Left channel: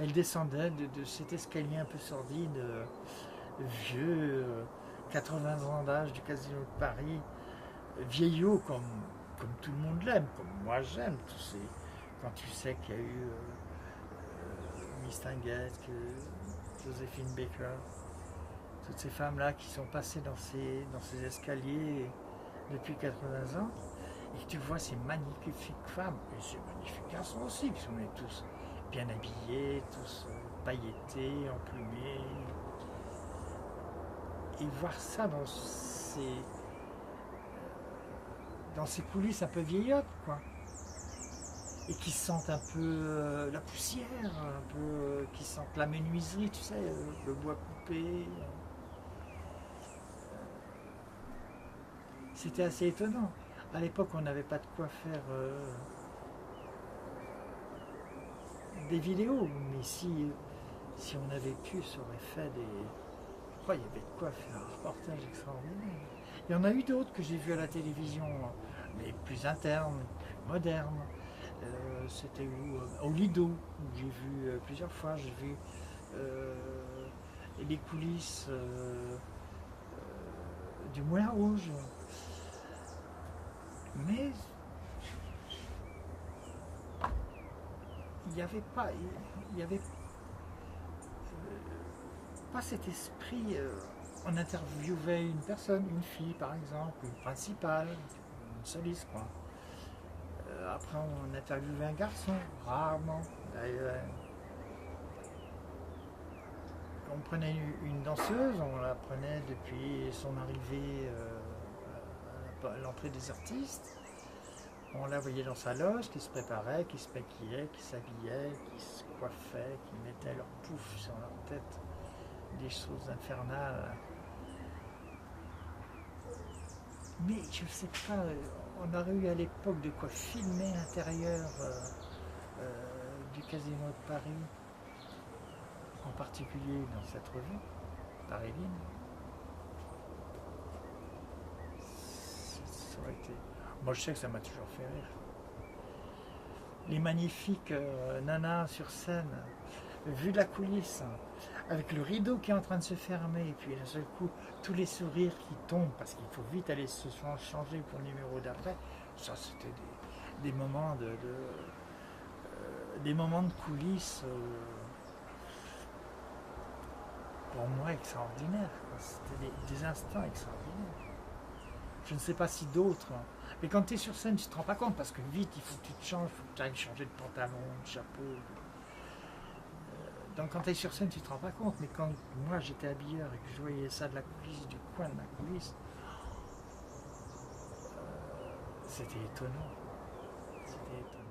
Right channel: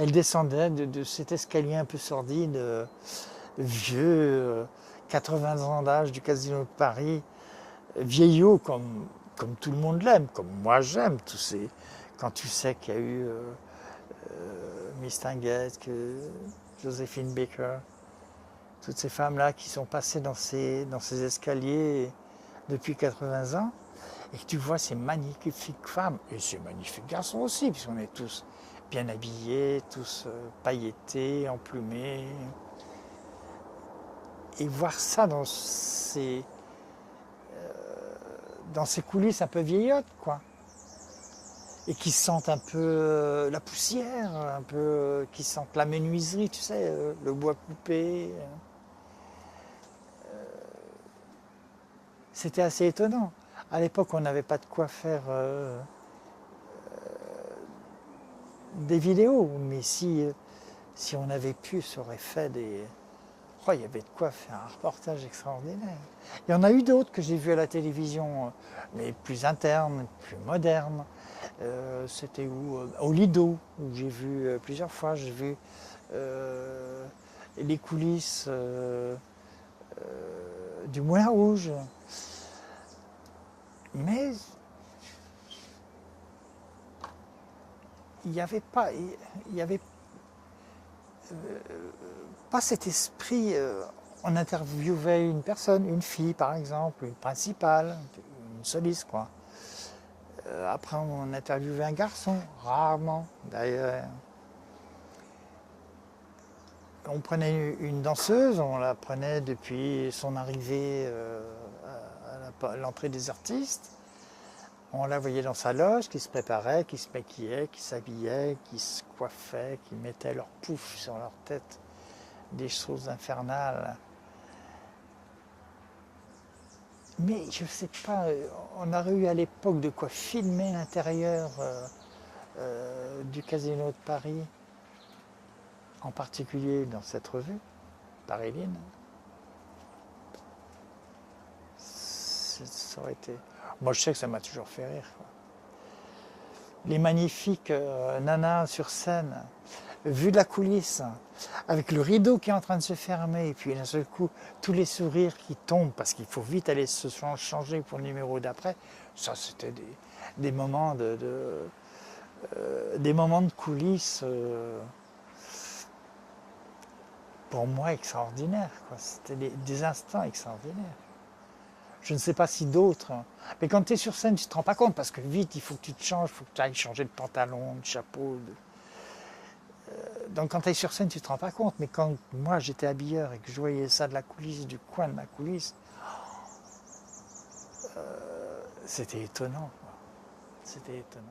Elle descendait de cet escalier un peu sordide, vieux, 80 ans d'âge du Casino de Paris, vieillot comme tout le monde l'aime, comme moi j'aime. Quand tu sais qu'il y a eu Miss Tinguette, Joséphine Baker, toutes ces femmes-là qui sont passées dans ces escaliers depuis 80 ans, et que tu vois ces magnifiques femmes, et ces magnifiques garçons aussi, puisqu'on est tous bien habillés, tous pailletés, emplumés, et voir ça dans ces coulisses un peu vieillottes, quoi. Et qui sentent un peu la poussière, un peu qui sentent la menuiserie, tu sais, le bois coupé. C'était assez étonnant. À l'époque, on n'avait pas de quoi faire des vidéos, mais si on avait pu, ça aurait fait des... Oh, il y avait de quoi faire un reportage extraordinaire. Il y en a eu d'autres que j'ai vus à la télévision, mais plus internes, plus modernes. C'était où Au Lido, où j'ai vu plusieurs fois, j'ai vu les coulisses du Moulin Rouge. Mais il n'y avait pas, il y avait pas cet esprit. On interviewait une personne, une fille par exemple, une principale, une soliste quoi. Après on interviewait un garçon, rarement d'ailleurs. On prenait une danseuse, on la prenait depuis son arrivée à l'entrée des artistes. On la voyait dans sa loge, qui se préparait, qui se maquillait, qui s'habillait, qui se coiffait, qui mettait leur pouf sur leur tête, des choses infernales. Mais je ne sais pas, on aurait eu à l'époque de quoi filmer l'intérieur du Casino de Paris, en particulier dans cette revue, Paris-Line. Ça aurait été... Moi je sais que ça m'a toujours fait rire. Les magnifiques nanas sur scène, vu de la coulisse, avec le rideau qui est en train de se fermer, et puis d'un seul coup, tous les sourires qui tombent, parce qu'il faut vite aller se changer pour le numéro d'après, ça c'était des moments des moments de coulisses, pour moi extraordinaires. C'était des instants extraordinaires. Je ne sais pas si d'autres. Mais quand tu es sur scène, tu ne te rends pas compte parce que vite, il faut que tu te changes, il faut que tu ailles changer de pantalon, de chapeau. Donc quand tu es sur scène, tu ne te rends pas compte. Mais quand moi j'étais habilleur et que je voyais ça de la coulisse, du coin de la coulisse, c'était étonnant. C'était étonnant.